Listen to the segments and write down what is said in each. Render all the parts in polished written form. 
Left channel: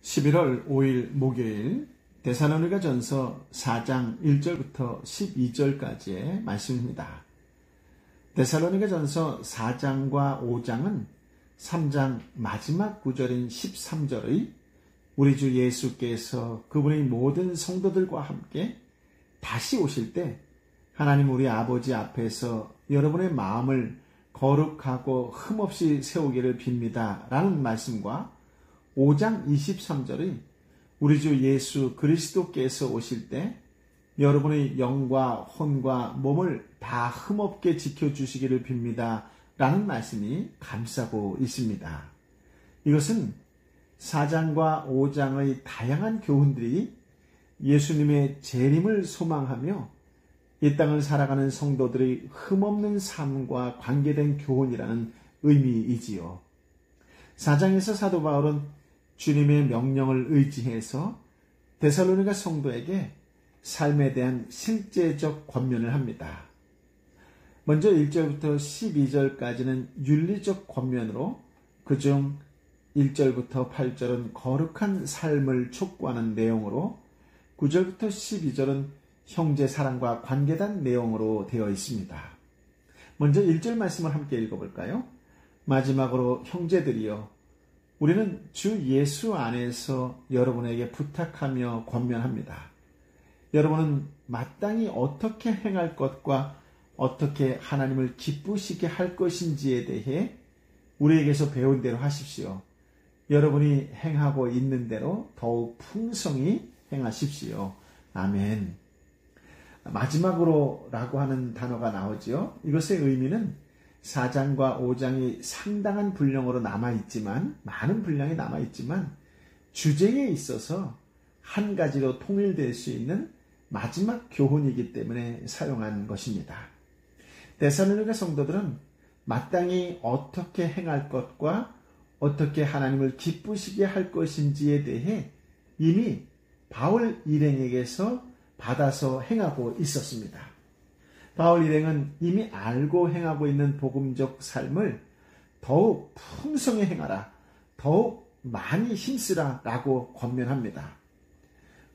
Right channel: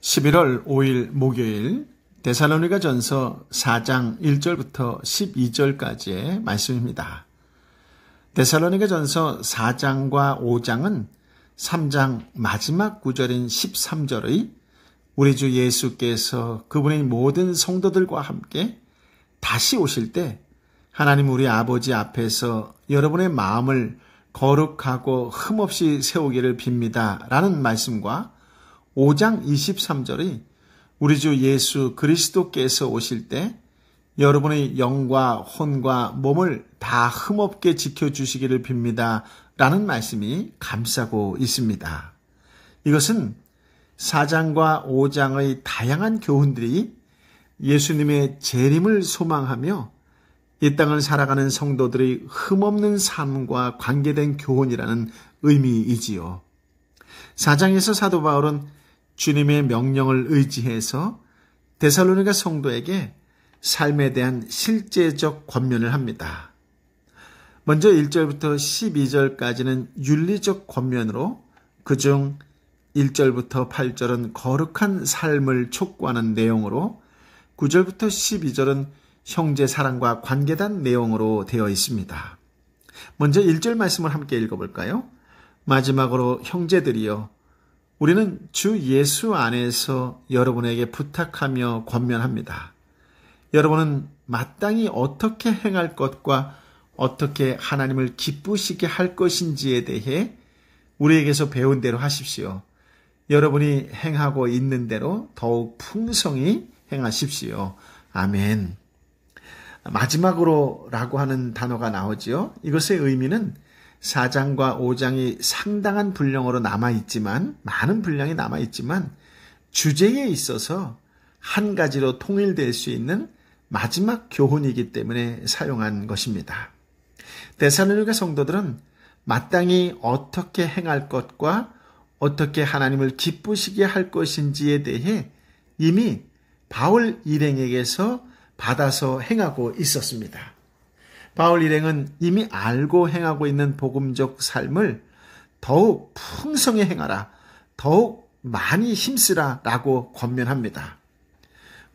11월 5일 목요일 데살로니가전서 4장 1절부터 12절까지의 말씀입니다. 데살로니가전서 4장과 5장은 3장 마지막 구절인 13절의 우리 주 예수께서 그분의 모든 성도들과 함께 다시 오실 때 하나님 우리 아버지 앞에서 여러분의 마음을 거룩하고 흠없이 세우기를 빕니다 라는 말씀과 5장 23절의 우리 주 예수 그리스도께서 오실 때 여러분의 영과 혼과 몸을 다 흠없게 지켜주시기를 빕니다 라는 말씀이 감싸고 있습니다. 이것은 4장과 5장의 다양한 교훈들이 예수님의 재림을 소망하며 이 땅을 살아가는 성도들의 흠없는 삶과 관계된 교훈이라는 의미이지요. 4장에서 사도 바울은 주님의 명령을 의지해서 데살로니가 성도에게 삶에 대한 실제적 권면을 합니다. 먼저 1절부터 12절까지는 윤리적 권면으로 그중 1절부터 8절은 거룩한 삶을 촉구하는 내용으로 9절부터 12절은 형제 사랑과 관계된 내용으로 되어 있습니다. 먼저 1절 말씀을 함께 읽어볼까요? 마지막으로 형제들이여 우리는 주 예수 안에서 여러분에게 부탁하며 권면합니다. 여러분은 마땅히 어떻게 행할 것과 어떻게 하나님을 기쁘시게 할 것인지에 대해 우리에게서 배운 대로 하십시오. 여러분이 행하고 있는 대로 더욱 풍성히 행하십시오. 아멘. 마지막으로 라고 하는 단어가 나오지요. 이것의 의미는 4장과 5장이 상당한 분량으로 남아있지만 많은 분량이 남아있지만 주제에 있어서 한 가지로 통일될 수 있는 마지막 교훈이기 때문에 사용한 것입니다. 데살로니가 성도들은 마땅히 어떻게 행할 것과 어떻게 하나님을 기쁘시게 할 것인지에 대해 이미 바울 일행에게서 받아서 행하고 있었습니다. 바울 일행은 이미 알고 행하고 있는 복음적 삶을 더욱 풍성히 행하라, 더욱 많이 힘쓰라 라고 권면합니다.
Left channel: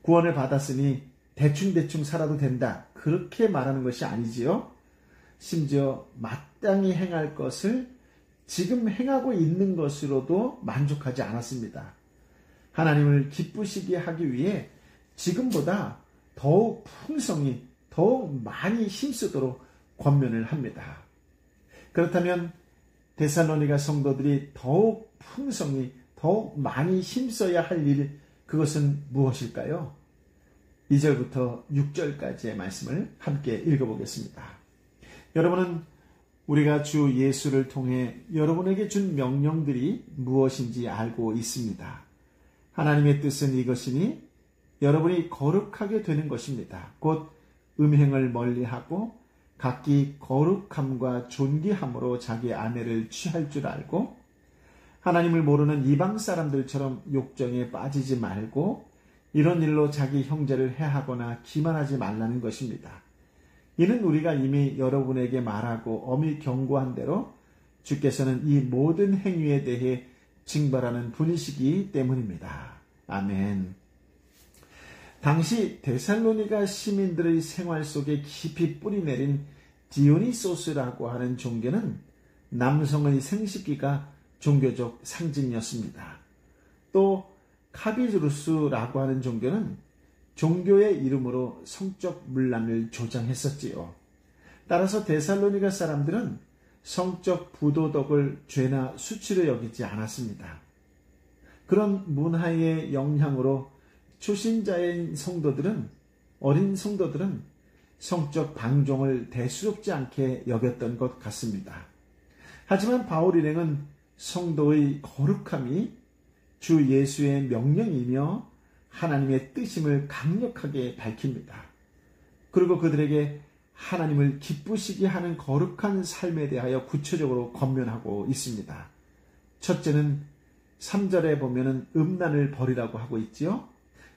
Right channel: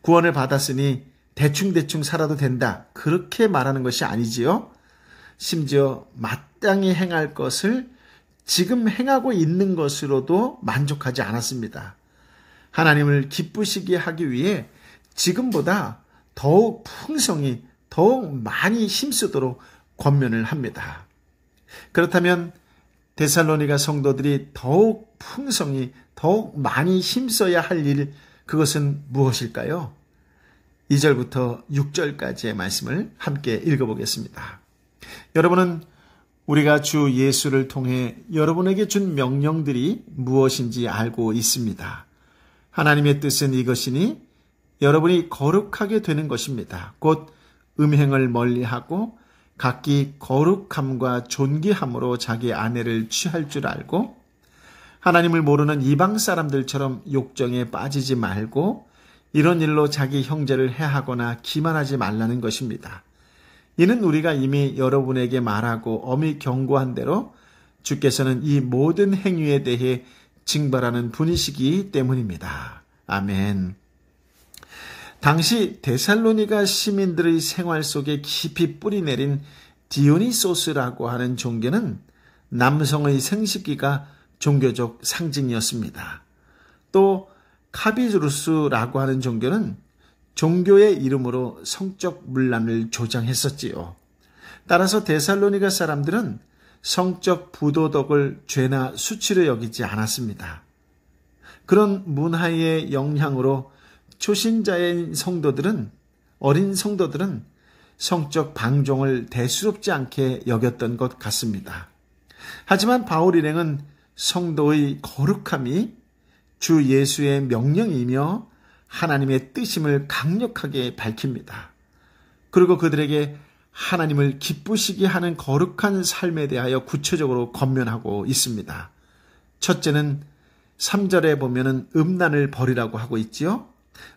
구원을 받았으니 대충대충 살아도 된다, 그렇게 말하는 것이 아니지요. 심지어 마땅히 행할 것을 지금 행하고 있는 것으로도 만족하지 않았습니다. 하나님을 기쁘시게 하기 위해 지금보다 더욱 풍성히 더욱 많이 힘쓰도록 권면을 합니다. 그렇다면 데살로니가 성도들이 더욱 풍성히 더욱 많이 힘써야 할 일, 그것은 무엇일까요? 2절부터 6절까지의 말씀을 함께 읽어보겠습니다. 여러분은 우리가 주 예수를 통해 여러분에게 준 명령들이 무엇인지 알고 있습니다. 하나님의 뜻은 이것이니 여러분이 거룩하게 되는 것입니다. 곧 음행을 멀리하고 각기 거룩함과 존귀함으로 자기 아내를 취할 줄 알고 하나님을 모르는 이방 사람들처럼 욕정에 빠지지 말고 이런 일로 자기 형제를 해하거나 기만하지 말라는 것입니다. 이는 우리가 이미 여러분에게 말하고 엄히 경고한 대로 주께서는 이 모든 행위에 대해 징벌하는 분이시기 때문입니다. 아멘. 당시 데살로니가 시민들의 생활 속에 깊이 뿌리내린 디오니소스라고 하는 종교는 남성의 생식기가 종교적 상징이었습니다. 또 카비루스라고 하는 종교는 종교의 이름으로 성적 문란을 조장했었지요. 따라서 데살로니가 사람들은 성적 부도덕을 죄나 수치로 여기지 않았습니다. 그런 문화의 영향으로 초신자인 성도들은, 어린 성도들은 성적 방종을 대수롭지 않게 여겼던 것 같습니다. 하지만 바울 일행은 성도의 거룩함이 주 예수의 명령이며 하나님의 뜻임을 강력하게 밝힙니다. 그리고 그들에게 하나님을 기쁘시게 하는 거룩한 삶에 대하여 구체적으로 권면하고 있습니다. 첫째는 3절에 보면은 음란을 버리라고 하고 있지요.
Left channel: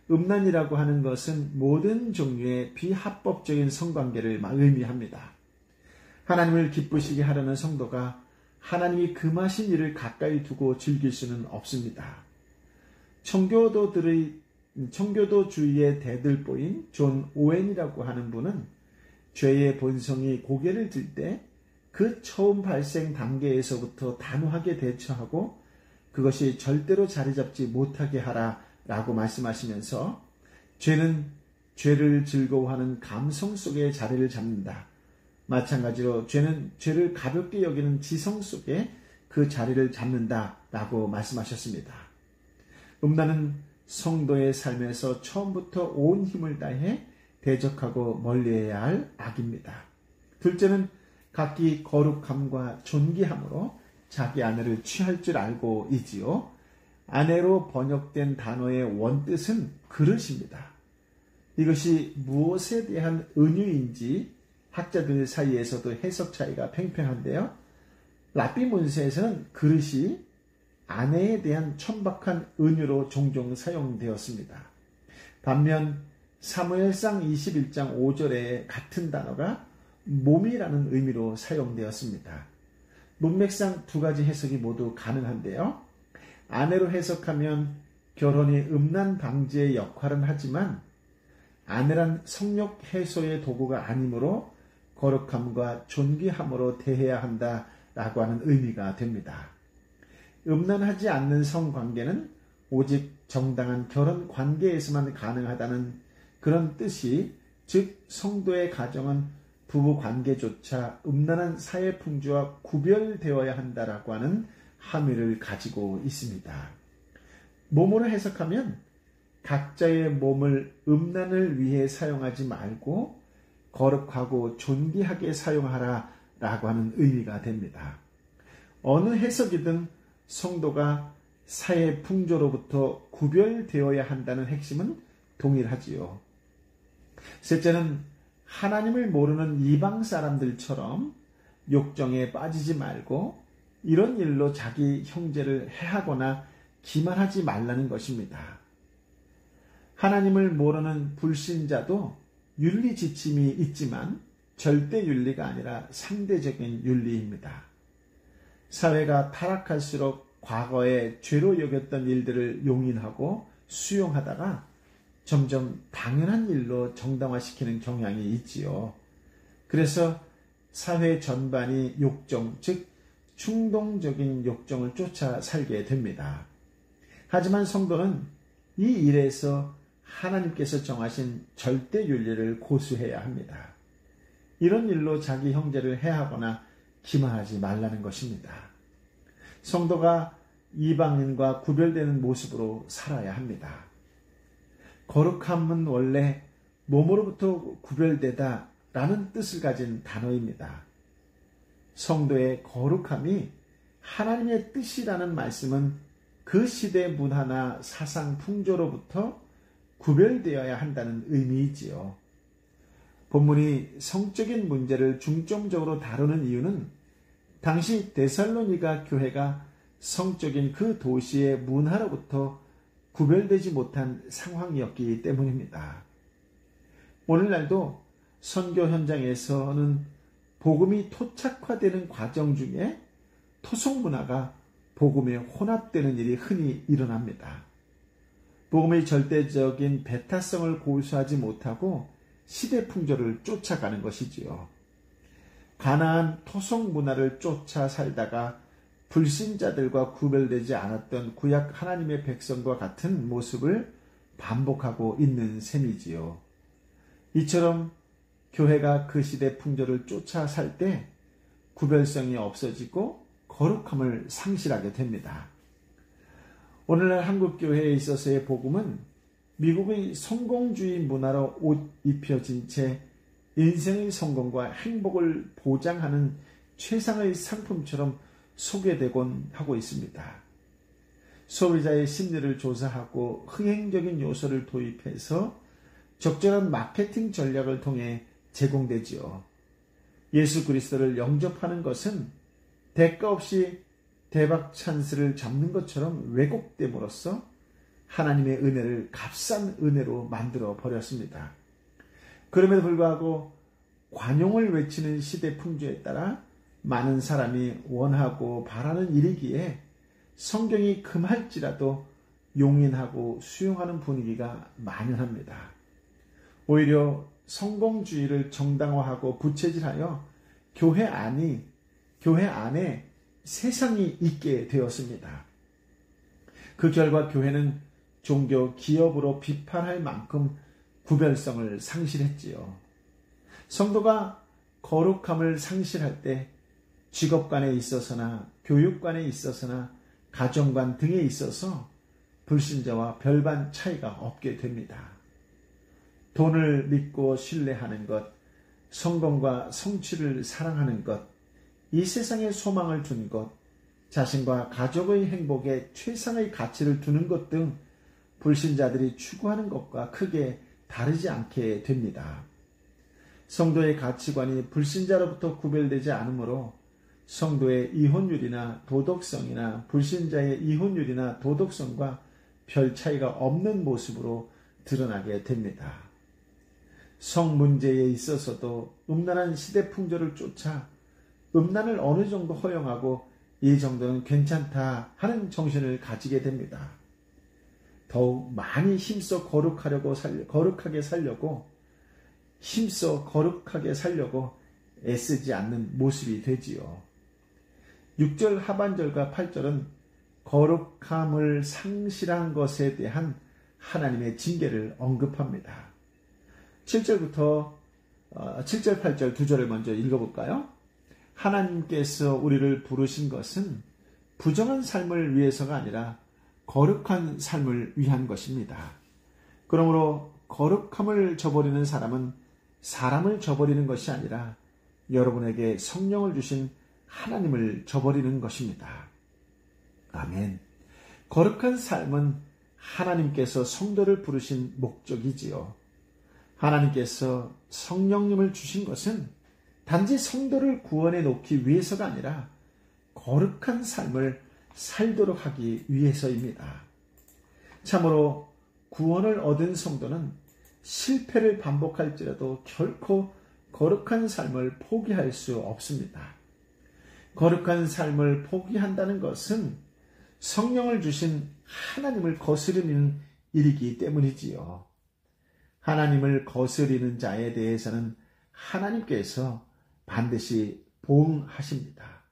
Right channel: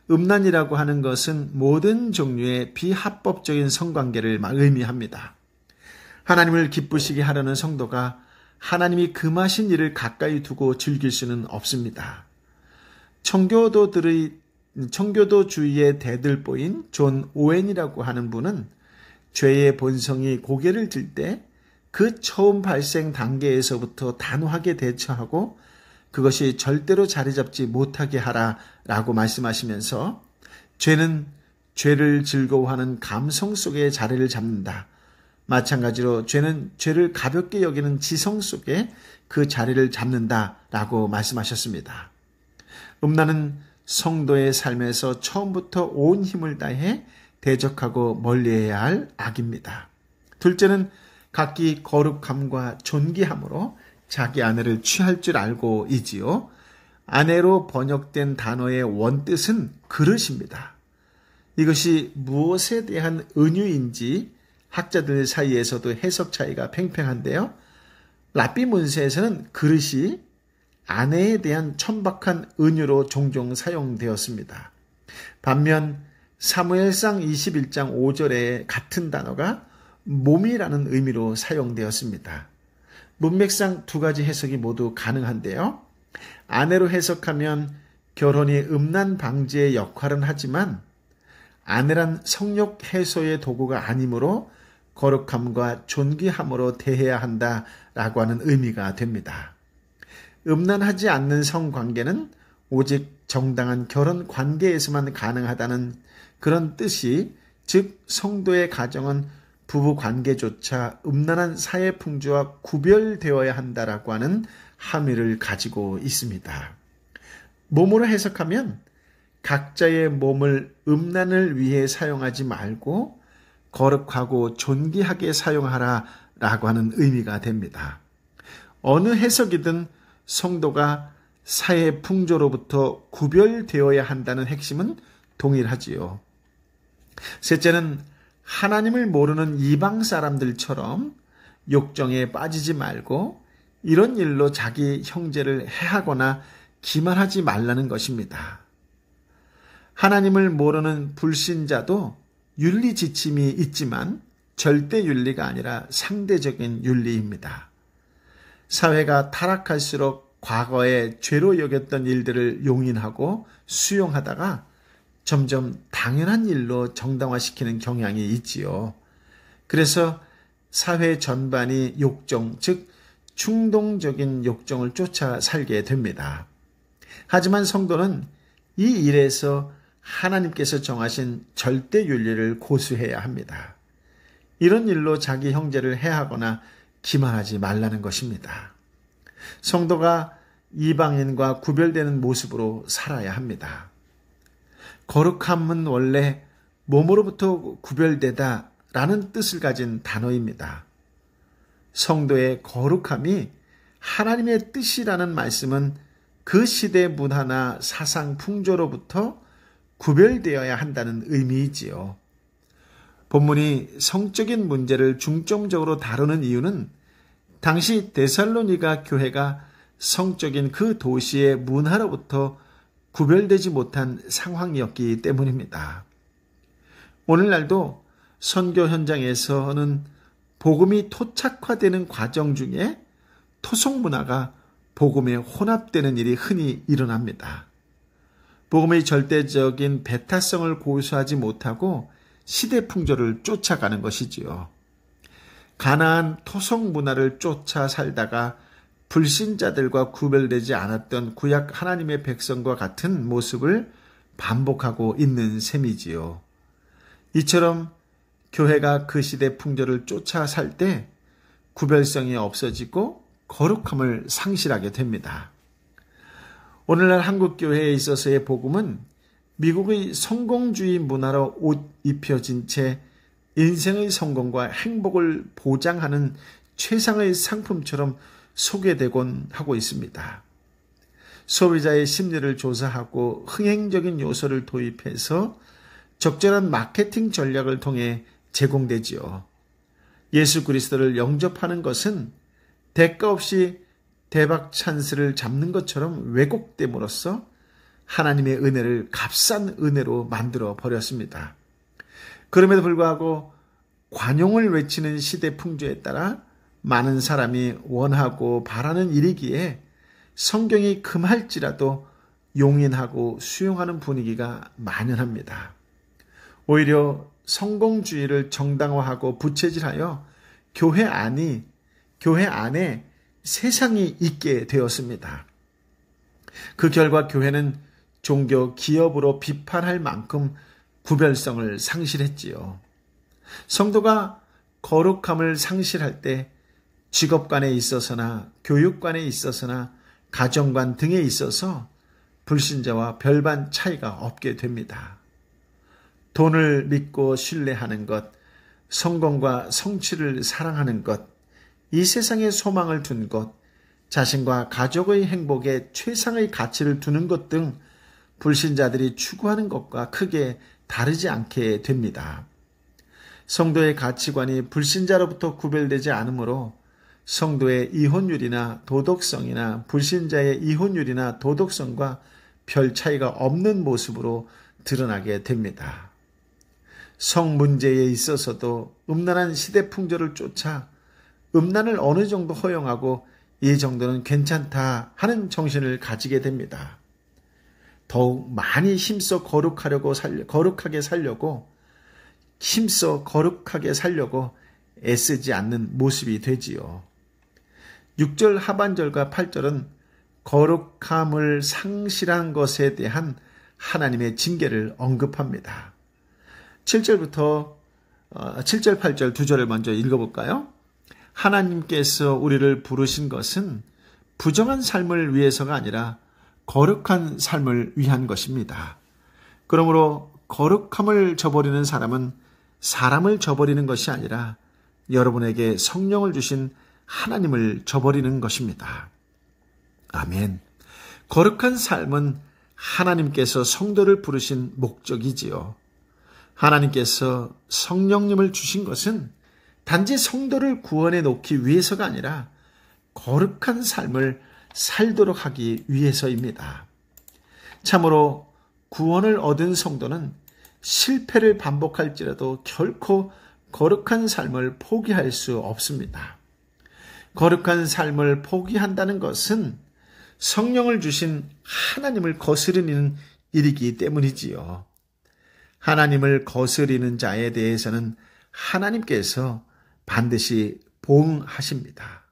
음란이라고 하는 것은 모든 종류의 비합법적인 성관계를 의미합니다. 하나님을 기쁘시게 하려는 성도가 하나님이 금하신 일을 가까이 두고 즐길 수는 없습니다. 청교도주의의 대들보인 존 오웬이라고 하는 분은 죄의 본성이 고개를 들 때 그 처음 발생 단계에서부터 단호하게 대처하고 그것이 절대로 자리 잡지 못하게 하라라고 말씀하시면서 죄는 죄를 즐거워하는 감성 속에 자리를 잡는다. 마찬가지로 죄는 죄를 가볍게 여기는 지성 속에 그 자리를 잡는다라고 말씀하셨습니다. 음란은 성도의 삶에서 처음부터 온 힘을 다해 대적하고 멀리해야 할 악입니다. 둘째는 각기 거룩함과 존귀함으로 자기 아내를 취할 줄 알고이지요. 아내로 번역된 단어의 원뜻은 그릇입니다. 이것이 무엇에 대한 은유인지 학자들 사이에서도 해석 차이가 팽팽한데요. 랍비 문서에서는 그릇이 아내에 대한 천박한 은유로 종종 사용되었습니다. 반면 사무엘상 21장 5절에 같은 단어가 몸이라는 의미로 사용되었습니다. 문맥상 두 가지 해석이 모두 가능한데요. 아내로 해석하면 결혼이 음란 방지의 역할은 하지만 아내란 성욕 해소의 도구가 아니므로 거룩함과 존귀함으로 대해야 한다라고 하는 의미가 됩니다. 음란하지 않는 성관계는 오직 정당한 결혼 관계에서만 가능하다는 그런 뜻이, 즉 성도의 가정은 부부 관계조차 음란한 사회 풍조와 구별되어야 한다라고 하는 함의를 가지고 있습니다. 몸으로 해석하면 각자의 몸을 음란을 위해 사용하지 말고 거룩하고 존귀하게 사용하라라고 하는 의미가 됩니다. 어느 해석이든 성도가 사회 풍조로부터 구별되어야 한다는 핵심은 동일하지요. 셋째는 하나님을 모르는 이방 사람들처럼 욕정에 빠지지 말고 이런 일로 자기 형제를 해하거나 기만하지 말라는 것입니다. 하나님을 모르는 불신자도 윤리 지침이 있지만 절대 윤리가 아니라 상대적인 윤리입니다. 사회가 타락할수록 과거에 죄로 여겼던 일들을 용인하고 수용하다가 점점 당연한 일로 정당화시키는 경향이 있지요. 그래서 사회 전반이 욕정, 즉 충동적인 욕정을 쫓아 살게 됩니다. 하지만 성도는 이 일에서 하나님께서 정하신 절대 윤리를 고수해야 합니다. 이런 일로 자기 형제를 해하거나 기만하지 말라는 것입니다. 성도가 이방인과 구별되는 모습으로 살아야 합니다. 거룩함은 원래 몸으로부터 구별되다 라는 뜻을 가진 단어입니다. 성도의 거룩함이 하나님의 뜻이라는 말씀은 그 시대 문화나 사상 풍조로부터 구별되어야 한다는 의미이지요. 본문이 성적인 문제를 중점적으로 다루는 이유는 당시 데살로니가 교회가 성적인 그 도시의 문화로부터 구별되지 못한 상황이었기 때문입니다. 오늘날도 선교 현장에서는 복음이 토착화되는 과정 중에 토속 문화가 복음에 혼합되는 일이 흔히 일어납니다. 복음의 절대적인 배타성을 고수하지 못하고 시대 풍조를 쫓아가는 것이지요. 가나안 토속 문화를 쫓아 살다가 불신자들과 구별되지 않았던 구약 하나님의 백성과 같은 모습을 반복하고 있는 셈이지요. 이처럼 교회가 그 시대 풍조를 쫓아 살 때 구별성이 없어지고 거룩함을 상실하게 됩니다. 오늘날 한국교회에 있어서의 복음은 미국의 성공주의 문화로 옷 입혀진 채 인생의 성공과 행복을 보장하는 최상의 상품처럼 소개되곤 하고 있습니다. 소비자의 심리를 조사하고 흥행적인 요소를 도입해서 적절한 마케팅 전략을 통해 제공되지요. 예수 그리스도를 영접하는 것은 대가 없이 대박 찬스를 잡는 것처럼 왜곡됨으로써 하나님의 은혜를 값싼 은혜로 만들어 버렸습니다. 그럼에도 불구하고 관용을 외치는 시대 풍조에 따라 많은 사람이 원하고 바라는 일이기에 성경이 금할지라도 용인하고 수용하는 분위기가 만연합니다. 오히려 성공주의를 정당화하고 부채질하여 교회 안에 세상이 있게 되었습니다. 그 결과 교회는 종교 기업으로 비판할 만큼 구별성을 상실했지요. 성도가 거룩함을 상실할 때 직업관에 있어서나 교육관에 있어서나 가정관 등에 있어서 불신자와 별반 차이가 없게 됩니다. 돈을 믿고 신뢰하는 것, 성공과 성취를 사랑하는 것, 이 세상에 소망을 둔 것, 자신과 가족의 행복에 최상의 가치를 두는 것 등 불신자들이 추구하는 것과 크게 다르지 않게 됩니다. 성도의 가치관이 불신자로부터 구별되지 않으므로 성도의 이혼율이나 도덕성이나 불신자의 이혼율이나 도덕성과 별 차이가 없는 모습으로 드러나게 됩니다. 성 문제에 있어서도 음란한 시대 풍조를 쫓아 음란을 어느 정도 허용하고 이 정도는 괜찮다 하는 정신을 가지게 됩니다. 더욱 많이 힘써 거룩하게 살려고 애쓰지 않는 모습이 되지요. 6절 하반절과 8절은 거룩함을 상실한 것에 대한 하나님의 징계를 언급합니다. 7절, 8절 두 절을 먼저 읽어볼까요? 하나님께서 우리를 부르신 것은 부정한 삶을 위해서가 아니라 거룩한 삶을 위한 것입니다. 그러므로 거룩함을 저버리는 사람은 사람을 저버리는 것이 아니라 여러분에게 성령을 주신 하나님을 저버리는 것입니다. 아멘. 거룩한 삶은 하나님께서 성도를 부르신 목적이지요. 하나님께서 성령님을 주신 것은 단지 성도를 구원해 놓기 위해서가 아니라 거룩한 삶을 살도록 하기 위해서입니다. 참으로 구원을 얻은 성도는 실패를 반복할지라도 결코 거룩한 삶을 포기할 수 없습니다. 거룩한 삶을 포기한다는 것은 성령을 주신 하나님을 거스르는 일이기 때문이지요. 하나님을 거스리는 자에 대해서는 하나님께서 반드시 보응하십니다.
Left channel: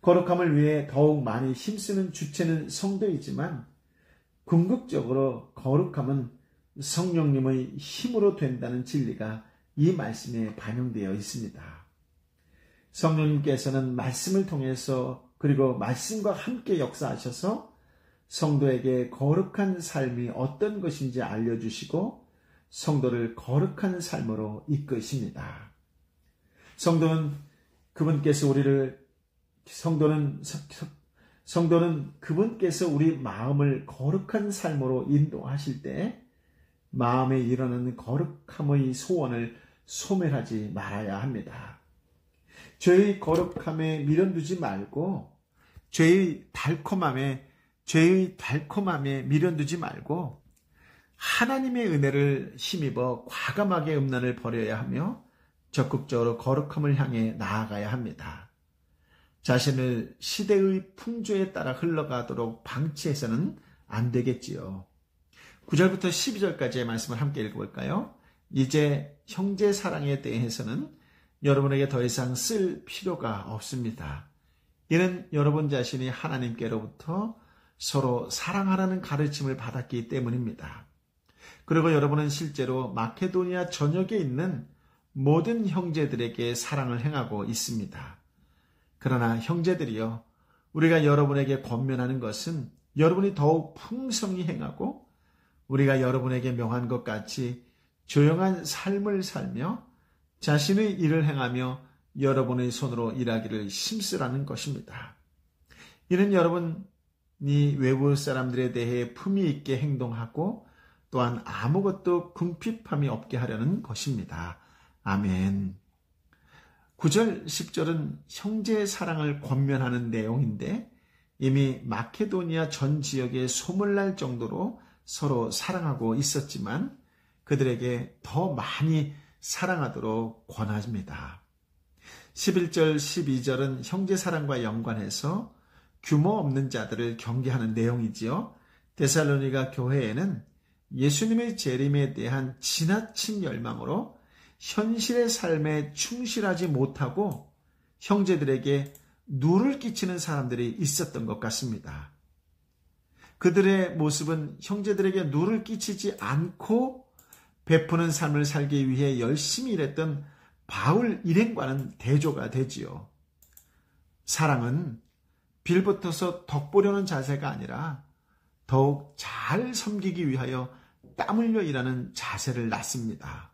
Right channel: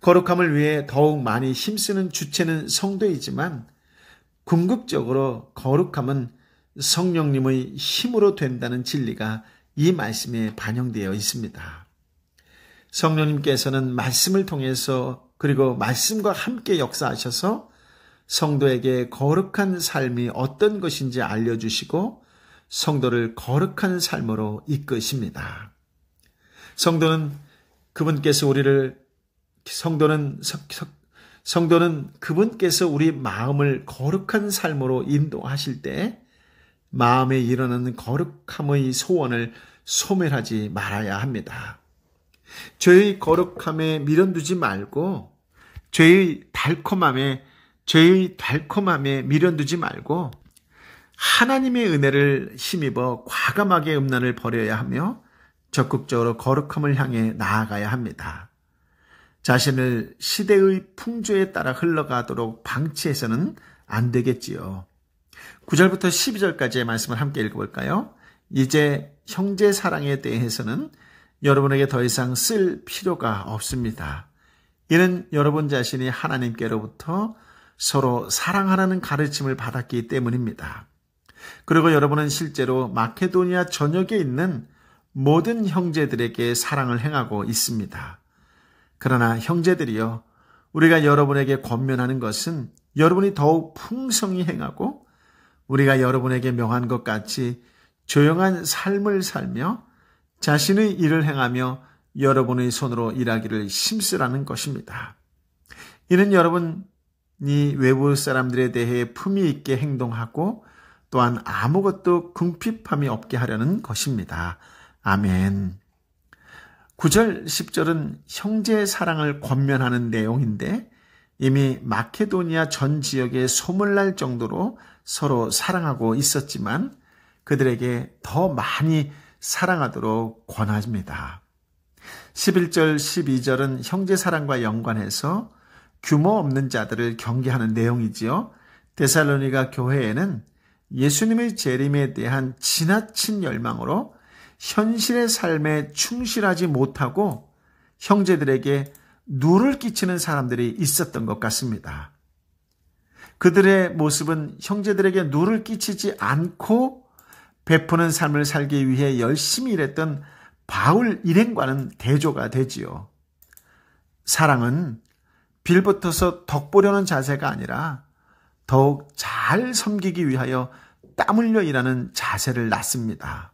거룩함을 위해 더욱 많이 힘쓰는 주체는 성도이지만 궁극적으로 거룩함은 성령님의 힘으로 된다는 진리가 이 말씀에 반영되어 있습니다. 성령님께서는 말씀을 통해서 그리고 말씀과 함께 역사하셔서 성도에게 거룩한 삶이 어떤 것인지 알려주시고 성도를 거룩한 삶으로 이끄십니다. 성도는 그분께서 우리 마음을 거룩한 삶으로 인도하실 때 마음에 일어나는 거룩함의 소원을 소멸하지 말아야 합니다. 죄의 거룩함에 미련두지 말고 죄의 달콤함에 미련두지 말고 하나님의 은혜를 힘입어 과감하게 음란을 버려야 하며 적극적으로 거룩함을 향해 나아가야 합니다. 자신을 시대의 풍조에 따라 흘러가도록 방치해서는 안 되겠지요. 9절부터 12절까지의 말씀을 함께 읽어볼까요? 이제 형제 사랑에 대해서는 여러분에게 더 이상 쓸 필요가 없습니다. 이는 여러분 자신이 하나님께로부터 서로 사랑하라는 가르침을 받았기 때문입니다. 그리고 여러분은 실제로 마케도니아 전역에 있는 모든 형제들에게 사랑을 행하고 있습니다. 그러나 형제들이여, 우리가 여러분에게 권면하는 것은 여러분이 더욱 풍성히 행하고 우리가 여러분에게 명한 것 같이 조용한 삶을 살며 자신의 일을 행하며 여러분의 손으로 일하기를 힘쓰라는 것입니다. 이는 여러분이 외부 사람들에 대해 품위 있게 행동하고 또한 아무것도 궁핍함이 없게 하려는 것입니다. 아멘. 9절, 10절은 형제의 사랑을 권면하는 내용인데 이미 마케도니아 전 지역에 소문날 정도로 서로 사랑하고 있었지만 그들에게 더 많이 사랑하도록 권합니다. 11절, 12절은 형제 사랑과 연관해서 규모 없는 자들을 경계하는 내용이지요. 데살로니가 교회에는 예수님의 재림에 대한 지나친 열망으로 현실의 삶에 충실하지 못하고 형제들에게 누를 끼치는 사람들이 있었던 것 같습니다. 그들의 모습은 형제들에게 누를 끼치지 않고 베푸는 삶을 살기 위해 열심히 일했던 바울 일행과는 대조가 되지요. 사랑은 빌붙어서 덕보려는 자세가 아니라 더욱 잘 섬기기 위하여 땀 흘려 일하는 자세를 낳습니다.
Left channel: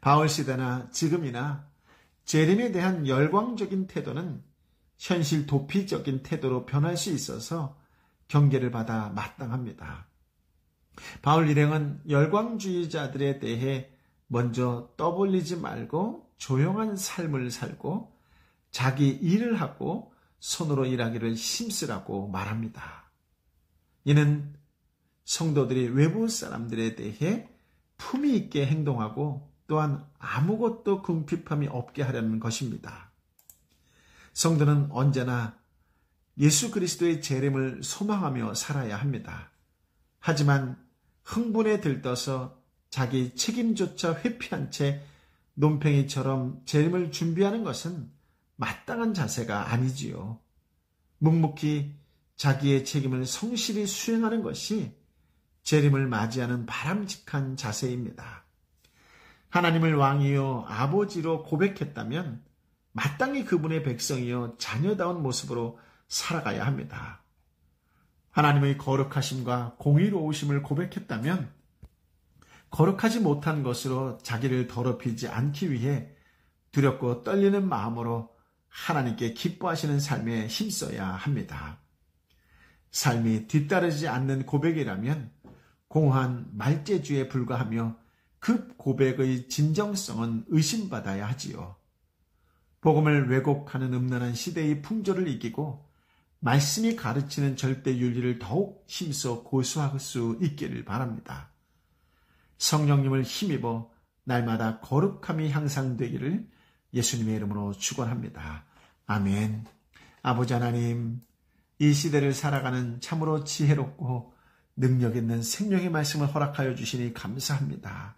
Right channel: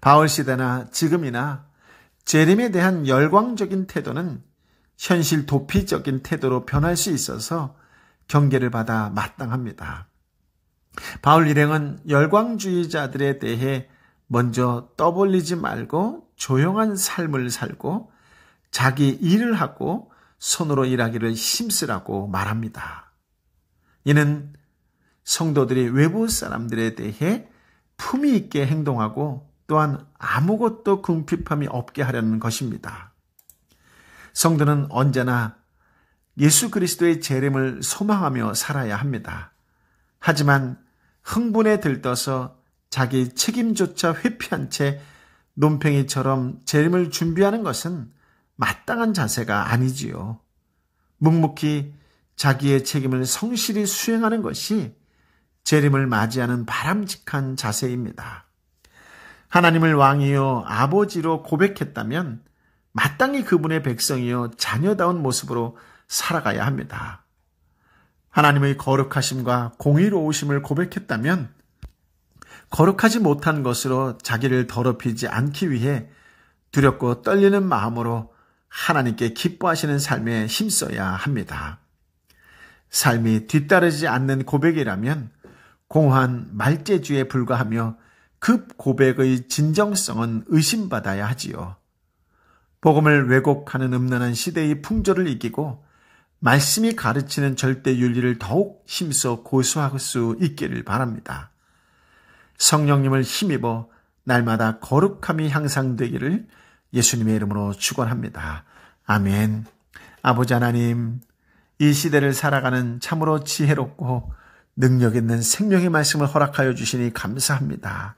바울 시대나 지금이나 재림에 대한 열광적인 태도는 현실 도피적인 태도로 변할 수 있어서 경계를 받아 마땅합니다. 바울 일행은 열광주의자들에 대해 먼저 떠벌리지 말고 조용한 삶을 살고 자기 일을 하고 손으로 일하기를 힘쓰라고 말합니다. 이는 성도들이 외부 사람들에 대해 품위 있게 행동하고 또한 아무것도 궁핍함이 없게 하려는 것입니다. 성도는 언제나 예수 그리스도의 재림을 소망하며 살아야 합니다. 하지만 흥분에 들떠서 자기 책임조차 회피한 채 논팽이처럼 재림을 준비하는 것은 마땅한 자세가 아니지요. 묵묵히 자기의 책임을 성실히 수행하는 것이 재림을 맞이하는 바람직한 자세입니다. 하나님을 왕이요 아버지로 고백했다면 마땅히 그분의 백성이요 자녀다운 모습으로 살아가야 합니다. 하나님의 거룩하심과 공의로우심을 고백했다면 거룩하지 못한 것으로 자기를 더럽히지 않기 위해 두렵고 떨리는 마음으로 하나님께 기뻐하시는 삶에 힘써야 합니다. 삶이 뒤따르지 않는 고백이라면 공허한 말재주에 불과하며 그 고백의 진정성은 의심받아야 하지요. 복음을 왜곡하는 음란한 시대의 풍조를 이기고 말씀이 가르치는 절대 윤리를 더욱 힘써 고수할 수 있기를 바랍니다. 성령님을 힘입어 날마다 거룩함이 향상되기를 예수님의 이름으로 축원합니다. 아멘. 아버지 하나님, 이 시대를 살아가는 참으로 지혜롭고 능력 있는 생명의 말씀을 허락하여 주시니 감사합니다.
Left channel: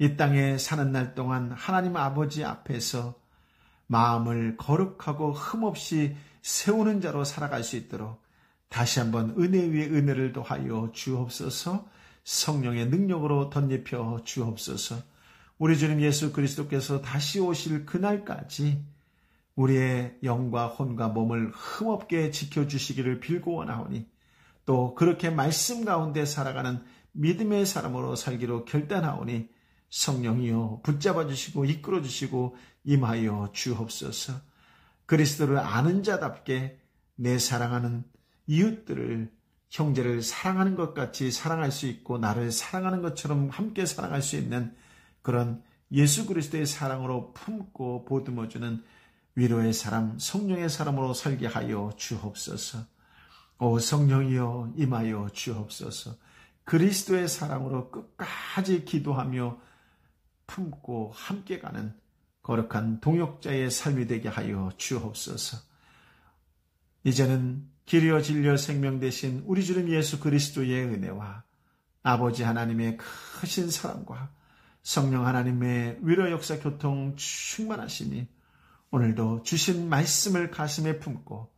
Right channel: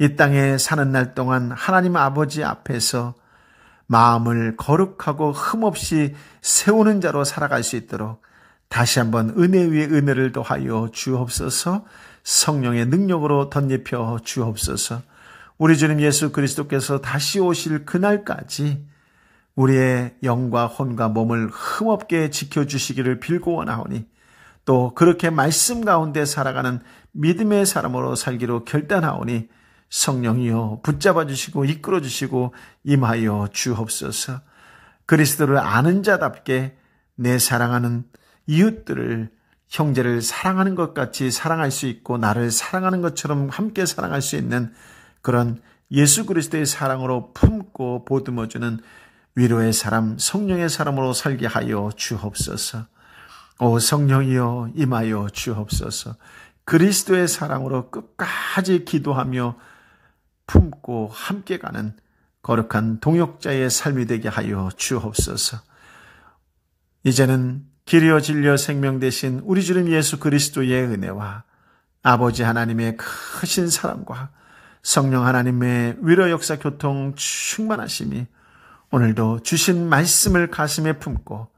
이 땅에 사는 날 동안 하나님 아버지 앞에서 마음을 거룩하고 흠없이 세우는 자로 살아갈 수 있도록 다시 한번 은혜 위에 은혜를 더하여 주옵소서. 성령의 능력으로 덧입혀 주옵소서. 우리 주님 예수 그리스도께서 다시 오실 그날까지 우리의 영과 혼과 몸을 흠없게 지켜주시기를 빌고 원하오니 또 그렇게 말씀 가운데 살아가는 믿음의 사람으로 살기로 결단하오니 성령이여 붙잡아 주시고 이끌어 주시고 임하여 주옵소서. 그리스도를 아는 자답게 내 사랑하는 이웃들을 형제를 사랑하는 것 같이 사랑할 수 있고 나를 사랑하는 것처럼 함께 사랑할 수 있는 그런 예수 그리스도의 사랑으로 품고 보듬어주는 위로의 사람, 성령의 사람으로 살게 하여 주옵소서. 오 성령이여 임하여 주옵소서. 그리스도의 사랑으로 끝까지 기도하며 품고 함께 가는 거룩한 동역자의 삶이 되게 하여 주옵소서. 이제는 길이요 진리요 생명 되신 우리 주님 예수 그리스도의 은혜와 아버지 하나님의 크신 사랑과 성령 하나님의 위로 역사 교통 충만하심이 오늘도 주신 말씀을 가슴에 품고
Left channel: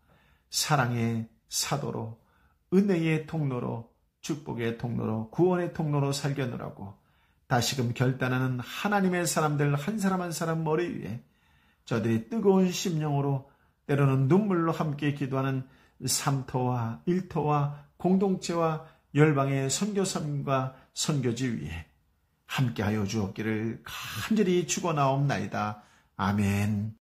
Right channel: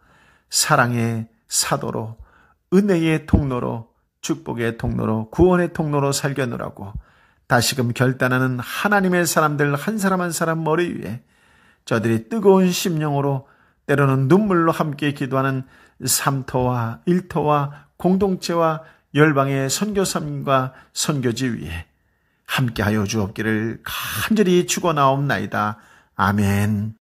사랑의 사도로 은혜의 통로로 축복의 통로로 구원의 통로로 살겨노라고 다시금 결단하는 하나님의 사람들 한 사람 한 사람 머리 위에 저들이 뜨거운 심령으로 때로는 눈물로 함께 기도하는 삼터와 일터와 공동체와 열방의 선교사님과 선교지 위에 함께하여 주옵기를 간절히 축원하옵나이다. 아멘.